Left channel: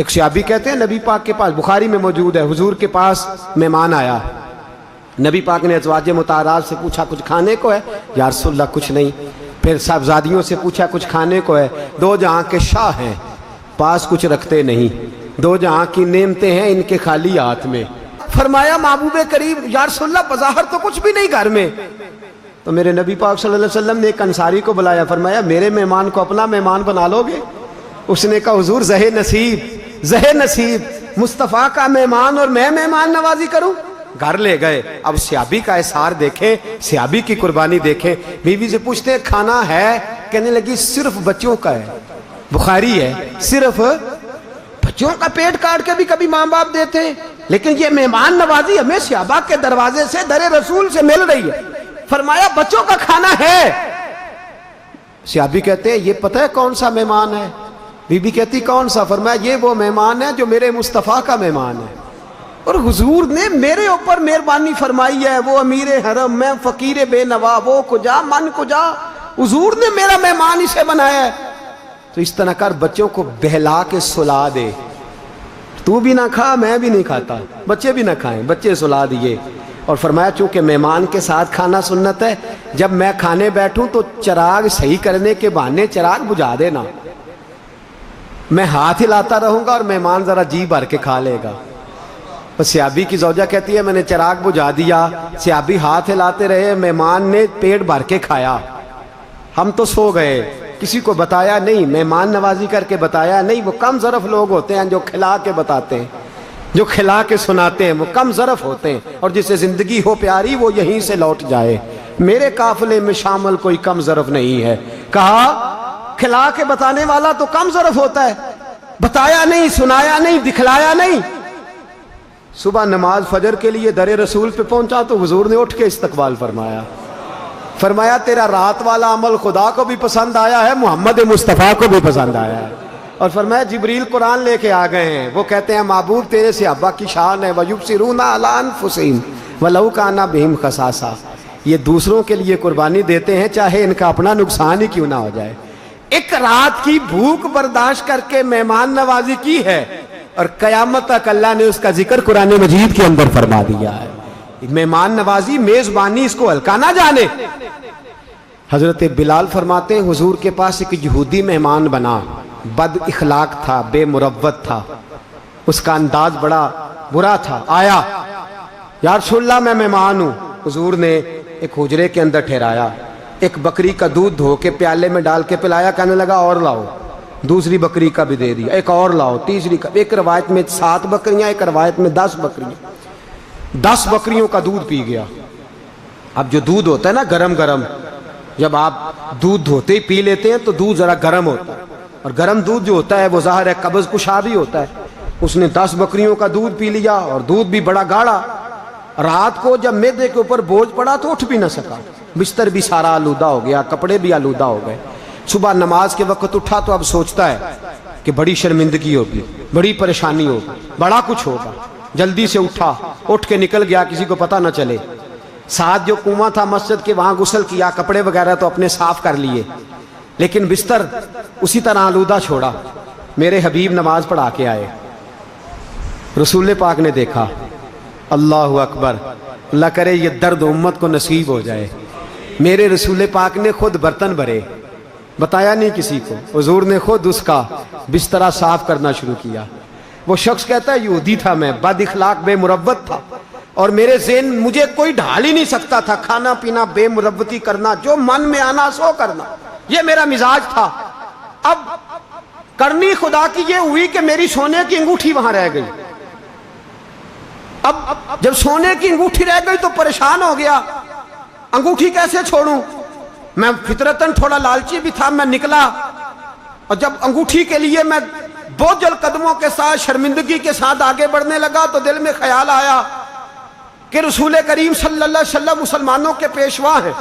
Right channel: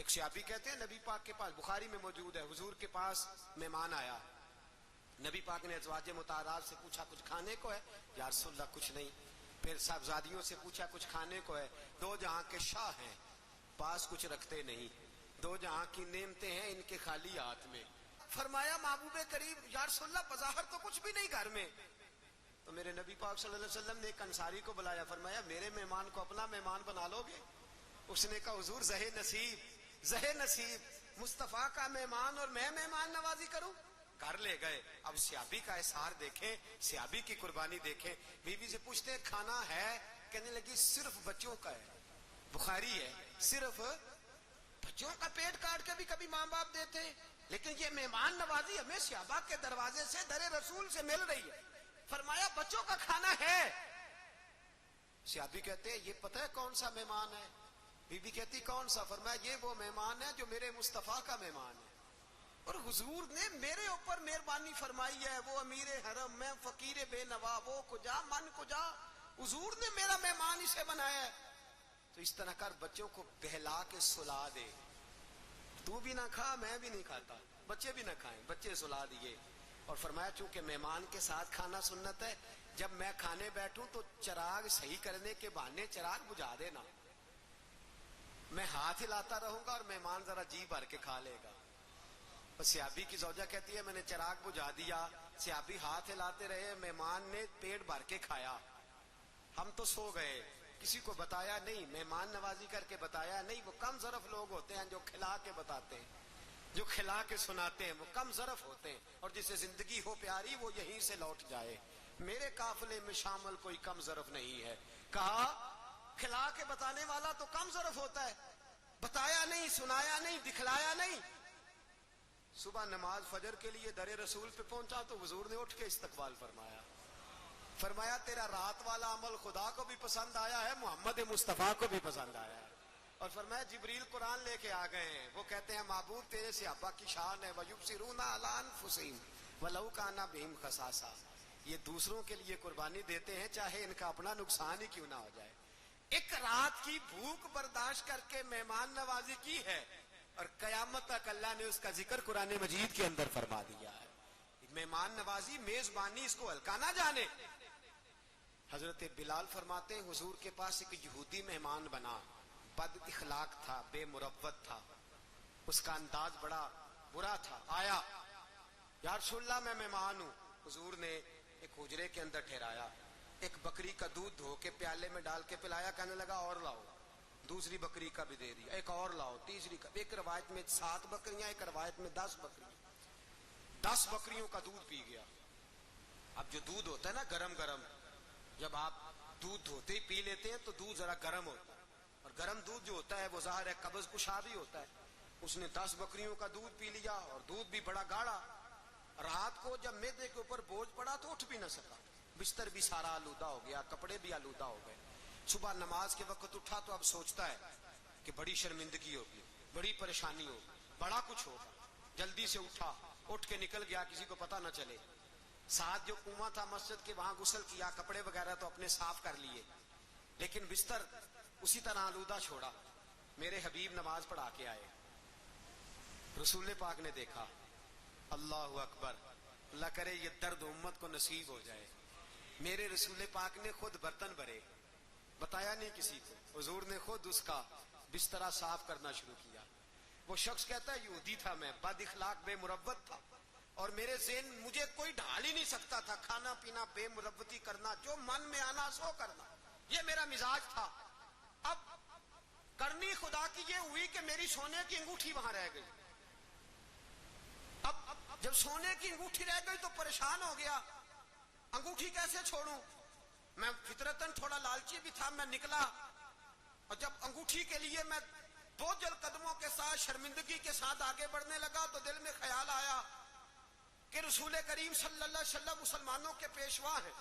ایک صحابی کہتے ہیں نبی پاک کے پاس، بخاری میں موجود ہے، حضور کے پاس مہمان آیا، نبی پاک نے ازواج مطہرات سے پوچھا کچھ کھانے کو ہے؟ یا رسول اللہ کچھ نہیں۔ پھر صاحبزادیوں سے پوچھا کچھ کھانے کو ہے؟ دو جہاں کے شاہ ہیں، پاس کچھ رکھتے نہیں، دو جہاں کی نعمتیں ہیں ان کے خالی ہاتھ میں۔ فرمایا محبوب کریم یا رسول اللہ بظاہر تو کچھ بھی نہیں گھر میں۔ تو میرے نبی پاک صلی اللہ علیہ وسلم نے ایک انصاری کو بلایا، فرمایا میرے مہمان کو اپنا مہمان بنا لو گے؟ اس نے کہا حضور زہ نصیب مصطفیٰ کا مہمان اور میں مہمان نوازی کروں؟ گھر لے گئے۔ اب صحابی کا احسار دیکھیں، صحابی کی قربانی دیکھیں۔ بیوی سے پوچھتے ہیں کھانا ہے؟ کہنے لگی صرف بچوں کا ہے، بخاری ہے، صرف بچوں کا پیٹ کاٹ کے بھی کبھی ماں باپ دیتے ہیں، لیکن یہ مہمان نوازی ہمیں صحابہ کے دروازے سے در رسول سے مل رہی ہے۔ فرمایا بچوں کا کھانا ہے۔ صحابی کہتے ہیں یہ پتہ ہے کون سا مہمان ہے؟ بی بی کہتی کون سا؟ فرمایا یہ وہ مہمان ہے جو میرے مصطفیٰ کا مہمان ہے، اور حضور نے میرے اوپر مہربانی فرمائی ہے، وہ امیر حرم، میں فقیر بے نوا، وہ کجا من کجا، حضور نے میرا مہمان اسے بنایا ہے۔ تو اس طرح کر بچوں کو بہلا کے سلا دے، تو بھی نہ کھا میں بھی نہیں کھاتا، بچے بھی نہ کھائیں، بچے سلا دیے۔ اور فرمایا چونکہ مہمان کے ساتھ کھانا سنت ہے، جب میں کھانے بیٹھوں تو چراغ صحیح کرنے کے بہانے چراغ بجھا دینا، میں ہاتھ ہلاتا رہوں گا اور مہمان ذرا جی بھر کے کھا لے گا۔ صحابی کی زوجہ کہتی ہے میں نے چراغ بجھا دیا، صحابی ہاتھ ہلاتے رہے، مہمان نے پیٹ بھر کے کھایا، ہم تو سو گئے، کسی کو بتایا نہیں، مہمان نوازی کر کے بتایا نہیں۔ وہ کم ظرف لوگ ہوتے ہیں جو کھلا کے بتاتے ہیں، جو کھلا کے سناتے ہیں، وہ کم ظرف ہوتے ہیں، اور جسے زندگی ہو پیاری وہ یہیں سے لوٹ جائے۔ میرے قافلے میں شامل کوئی کم ظرف نہیں ہے۔ کہا کھلا کے بتانے والا تو کم ظرف ہوتا ہے، بتایا نہیں، سنایا نہیں، دکھلایا نہیں۔ صبح نماز فجر کے لیے در رسول پہ پہنچا تو حضور نے اٹھ کے استقبال فرمایا، فرمایا تیرا رات والا عمل خدا کو بھی پسند آیا ہے، محمد مصطفیٰ کو بھی پسند آیا ہے۔ اور فرمایا جبریل قرآن لے کے آ گئے ہیں، وہ کہتے ہیں محبوب تیرے صحابہ کی شان ہے، وَيُبْصِرُونَ عَلَىٰ أَنفُسِهِمْ وَلَوْ كَانَ بِهِمْ خَصَاصَةٌ، یہ دوسروں کے لیے قربانی دیتے ہیں چاہے ان کا اپنا نقصان ہی کیوں نہ ہو جائے۔ ایک رات کی بھوک برداشت کر کے مہمان نوازی کی ہے، اور قیامت تک اللہ نے اس کا ذکر قرآن مجید کے اندر فرما دیا ہے۔ مہمان نوازی، میزبانی، اس کو ہلکا نہ جانے۔ حضرت بلال فرماتے ہیں حضور کے پاس ایک یہودی مہمان بنا، بد اخلاق تھا، بے مروت تھا، اس کا انداز بڑا برا تھا۔ آیا یا رسول اللہ میں مہمان ہوں، حضور نے ایک حجرے کے اندر ٹھہرایا، ایک بکری کا دودھ دھو کے پیالے میں ڈال کے پلایا، کہنے لگا اور لاؤ، دوسری بکری کا بھی دے دیا، ایک اور لاؤ، تیسری کا، ایک روایت میں 7 بکریاں، ایک روایت میں 10 بکریاں، 10 بکریوں کا دودھ پی گیا۔ اب جو دودھ ہوتا ہے نا گرم گرم، جب آپ دودھ دھوتے ہی پی لیتے ہیں تو دودھ ذرا گرم ہوتا ہے، اور گرم دودھ جو ہوتا ہے وہ ظاہر ہے قبض کشا بھی ہوتا ہے۔ اس نے 10 بکریوں کا دودھ پی لیا، اور دودھ بھی بڑا گاڑھا۔ رات کو جب معدے کے اوپر بوجھ پڑا تو اٹھ بھی نہ سکا، بستر بھی سارا آلودہ ہو گیا، کپڑے بھی آلودہ ہو گئے۔ صبح نماز کے وقت اٹھا تو اب سوچتا ہے کہ بڑی شرمندگی ہوگی، بڑی پریشانی ہوگی، بڑا کچھ ہوگا۔ جلدی سے اٹھا، اٹھ کے نکل گیا کسی کو پتہ نہ چلے۔ ساتھ جو کنواں تھا مسجد کے وہاں غسل کیا، کپڑے وغیرہ تو اپنے صاف کر لیے، لیکن بستر اسی طرح آلودہ چھوڑا۔ میرے حبیب نماز پڑھا کے آئے، رسول پاک نے دیکھا، اللہ اکبر، اللہ کرے یہ درد امت کو نصیب ہو جائے۔ میرے رسول پاک نے خود برتن بھرے، بتایا نہیں کسی کو، حضور نے خود اس کا بسترا صاف کرنا شروع کیا۔ وہ شخص کہتا ہے یہودی تھا میں، بد اخلاق، بے مروت تھا، اور میرے ذہن مجھے کوئی ڈھال ہی نہیں سکتا تھا، کھانا پینا، بے مروتی کرنا، جو من میں آنا سو کرنا، یہ میرا مزاج تھا۔ اب کرنی خدا کی یہ ہوئی کہ میری سونے کی انگوٹھی وہاں رہ گئی۔ اب جب سونے کی انگوٹھی رہ گئی تو پریشان ہو گیا، انگوٹھی کیسے چھوڑوں؟ میں فطرتاً تھوڑا لالچی بھی تھا، میں نکلا، اور جب انگوٹھی کے لیے میں بوجھل قدموں کے ساتھ شرمندگی کے ساتھ آگے بڑھنے لگا تو دل میں خیال آیا کہ رسول کریم صلی اللہ علیہ وسلم مسلمانوں کے پیشوا ہیں،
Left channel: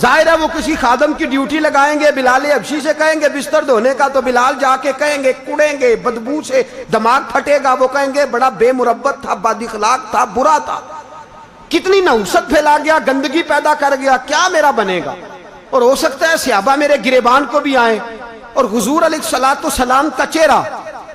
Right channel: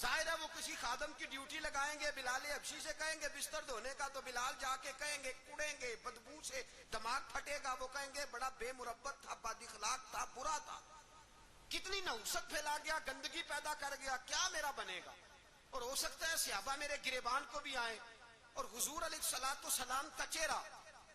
ظاہر ہے وہ کسی خادم کی ڈیوٹی لگائیں گے، بلال حبشی سے کہیں گے بستر دھونے کا تو بلال جا کے کہیں گے، کڑیں گے، بدبو سے دماغ پھٹے گا، وہ کہیں گے بڑا بے مروت تھا، بد اخلاق تھا، برا تھا، کتنی نحوست پھیلا گیا، گندگی پیدا کر گیا، کیا میرا بنے گا؟ اور ہو سکتا ہے صحابہ میرے گریبان کو بھی آئیں، اور حضور علیہ الصلوۃ والسلام کا چہرہ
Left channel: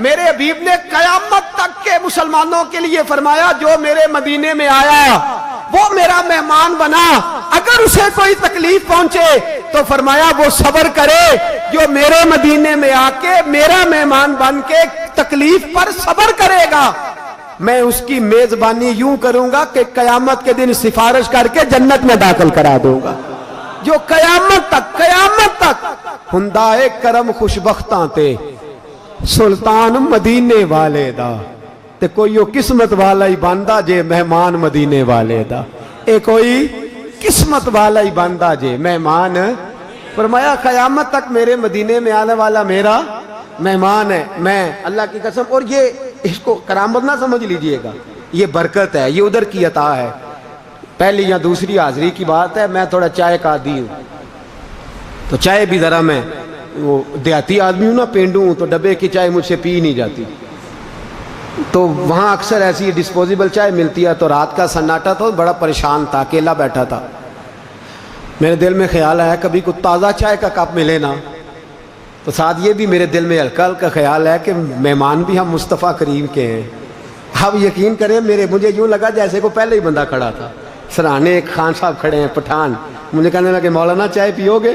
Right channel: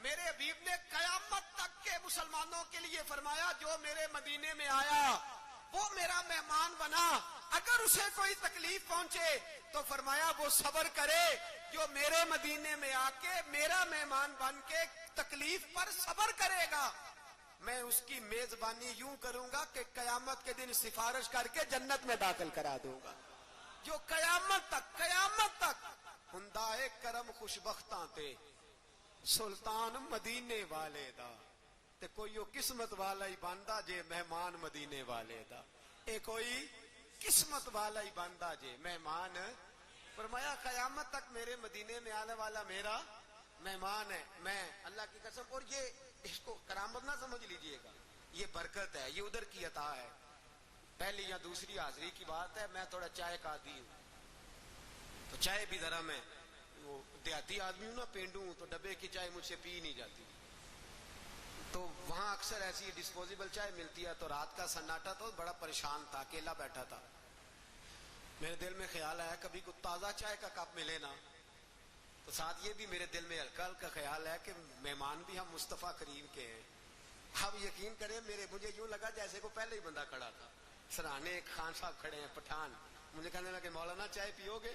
میرے حبیب نے قیامت تک کے مسلمانوں کے لیے فرمایا جو میرے مدینے میں آیا وہ میرا مہمان بنا، اگر اسے کوئی تکلیف پہنچے تو فرمایا وہ صبر کرے، جو میرے مدینے میں آ کے میرا مہمان بن کے تکلیف پر صبر کرے گا، میں اس کی میزبانی یوں کروں گا کہ قیامت کے دن سفارش کر کے جنت میں داخل کرا دوں گا۔ جو قیامت تک ہندائے کرم خوشبختاں تے سلطان مدینے والے دا تے کوئی وہ قسمت والا ہی بندہ جے مہمان مدینے والے دا، اے کوئی قسمت والا ہی بندہ جے مہمان۔ فرمایا قیامت تک میرے مدینے میں آنے والا میرا مہمان ہے، میں اللہ کی قسم۔ اور یہ اس کو کرامت نہ سمجھ لیجئے گا، یہ برکت ہے، یہ ادھر کی عطا ہے۔ پہلی یا دوسری حاضری کی بات ہے، میں تھوڑا چائے کا عادی ہوں تو چائے بھی ذرا میں وہ دیہاتی آدمی ہوں نا، پینڈو ہوں تو ڈبے کی چائے مجھ سے پی نہیں جاتی، تو وہاں اکثر ایسی ڈسپوزیبل چائے ملتی ہے۔ تو رات کا سناٹا تھا، بڑا پریشان تھا، اکیلا بیٹھا تھا، میرے دل میں خیال آیا کبھی کوئی تازہ چائے کا کپ ملے نا، تو ساتھ یہ بھی میرے دل میں ہلکا ہلکا خیال ہے کہ مہمان بھی ہم مصطفیٰ کریم کے ہیں۔ اب یقین کریں مجھے یوں لگا جیسے کو پہلے ہی بندہ کھڑا تھا، سرانے ایک خان صاحب کھڑے ہیں پٹھان، مجھے کہنے لگے مولانا چائے پیو گے،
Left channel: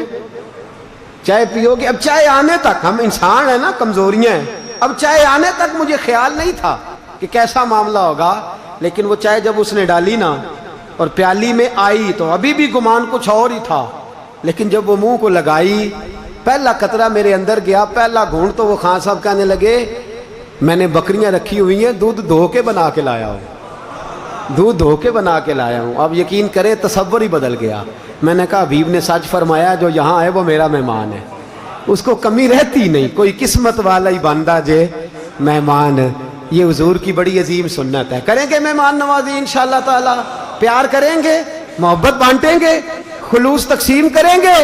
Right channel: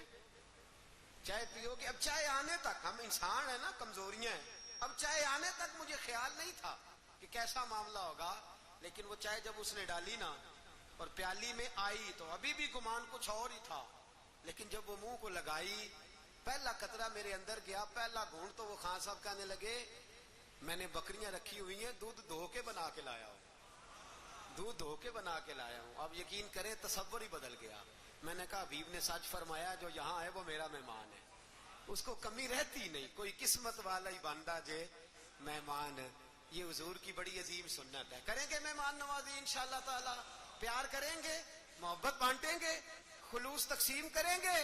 چائے پیو گے؟ اب چائے آنے تک، ہم انسان ہیں نا، کمزوریاں ہیں، اب چائے آنے تک مجھے خیال نہیں تھا کہ کیسا معاملہ ہوگا، لیکن وہ چائے جب اس نے ڈالی نا اور پیالی میں آئی تو ابھی بھی گمان کچھ اور ہی تھا، لیکن جب وہ منہ کو لگائی پہلا قطرہ میرے اندر گیا، پہلا گھونٹ، تو وہ خان صاحب کہنے لگے میں نے بکریاں رکھی ہوئی ہیں، دودھ دھو کے بنا کے لایا ہوں، دودھ دھو کے بنا کے لایا ہوں۔ اب یقین کرے تصور ہی بدل گیا۔ میں نے کہا حبیب نے سچ فرمایا، جو یہاں ہے وہ میرا مہمان ہے، اس کو کمی رہتی نہیں، کوئی قسمت والا ہی بندہ جے مہمان۔ یہ حضور کی بڑی عظیم سنت ہے۔ کریں گے مہمان نوازی انشاءاللہ تعالی، پیار کریں گے، محبت بانٹیں گے، خلوص تقسیم کریں گے۔